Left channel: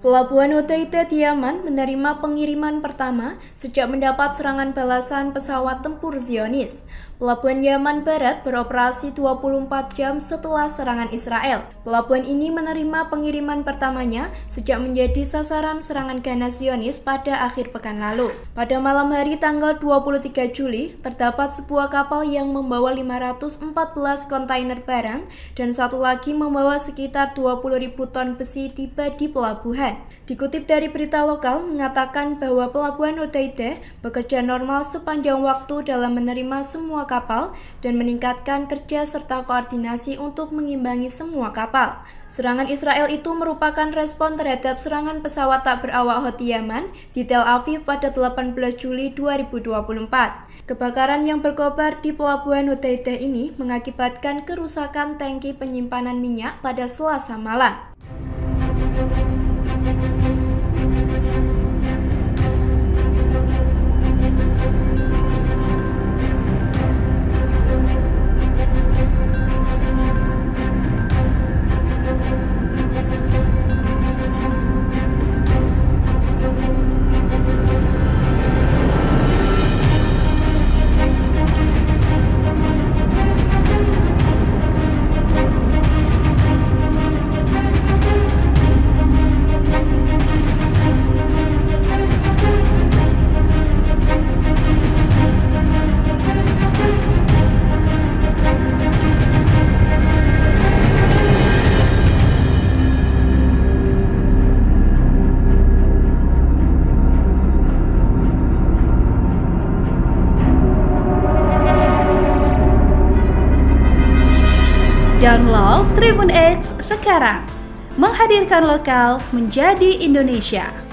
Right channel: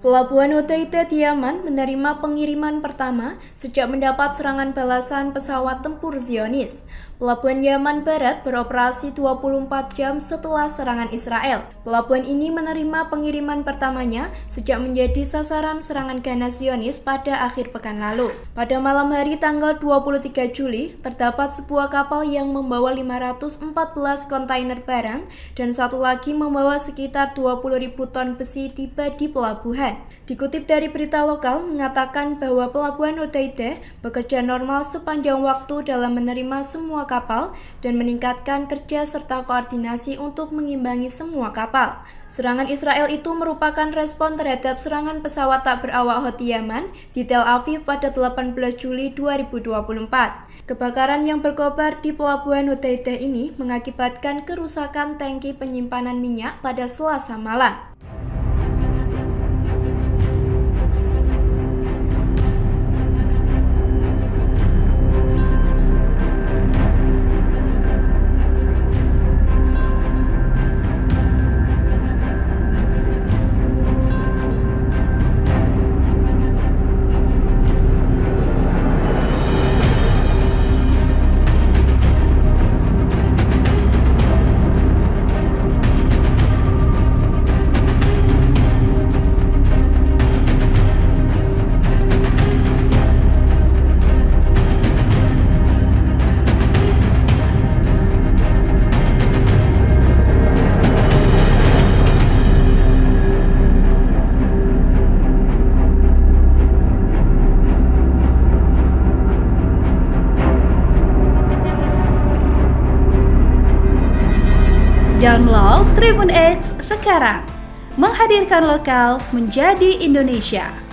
Pelabuhan Hodeida di Yaman menerima pengiriman pertama sejak mendapat serangan balasan pesawat tempur Zionis. Pelabuhan Yaman Barat beroperasi 24 jam setelah serangan Israel. Pelabuhan ini menerima pengiriman pertamanya sejak menjadi sasaran serangan ganas Zionis pada akhir pekan lalu. Pada malam hari tanggal 23 Juli, terdapat sebuah kapal yang membawa 514 kontainer barang dan satu lagi membawa sekitar 20.000 ton besi tiba di pelabuhan. Dikutip dari berita lokal mengatakan bahwa Pelabuhan Hodeida bekerja normal sepanjang waktu dalam menerima semua kapal dan meningkatkan kerja serta koordinasi untuk mengimbangi semua kapal. Serangan Israel itu merupakan respon terhadap serangan pesawat tak berawak Houthi Yaman di Tel Aviv pada 18 Juli 2024. Kebakaran yang berkobar di Pelabuhan Hodeida ini mengakibatkan kerusakan tangki penyimpanan minyak pada Selasa malam. Download Tribun X sekarang, menghadirkan lokal menjadi Indonesia.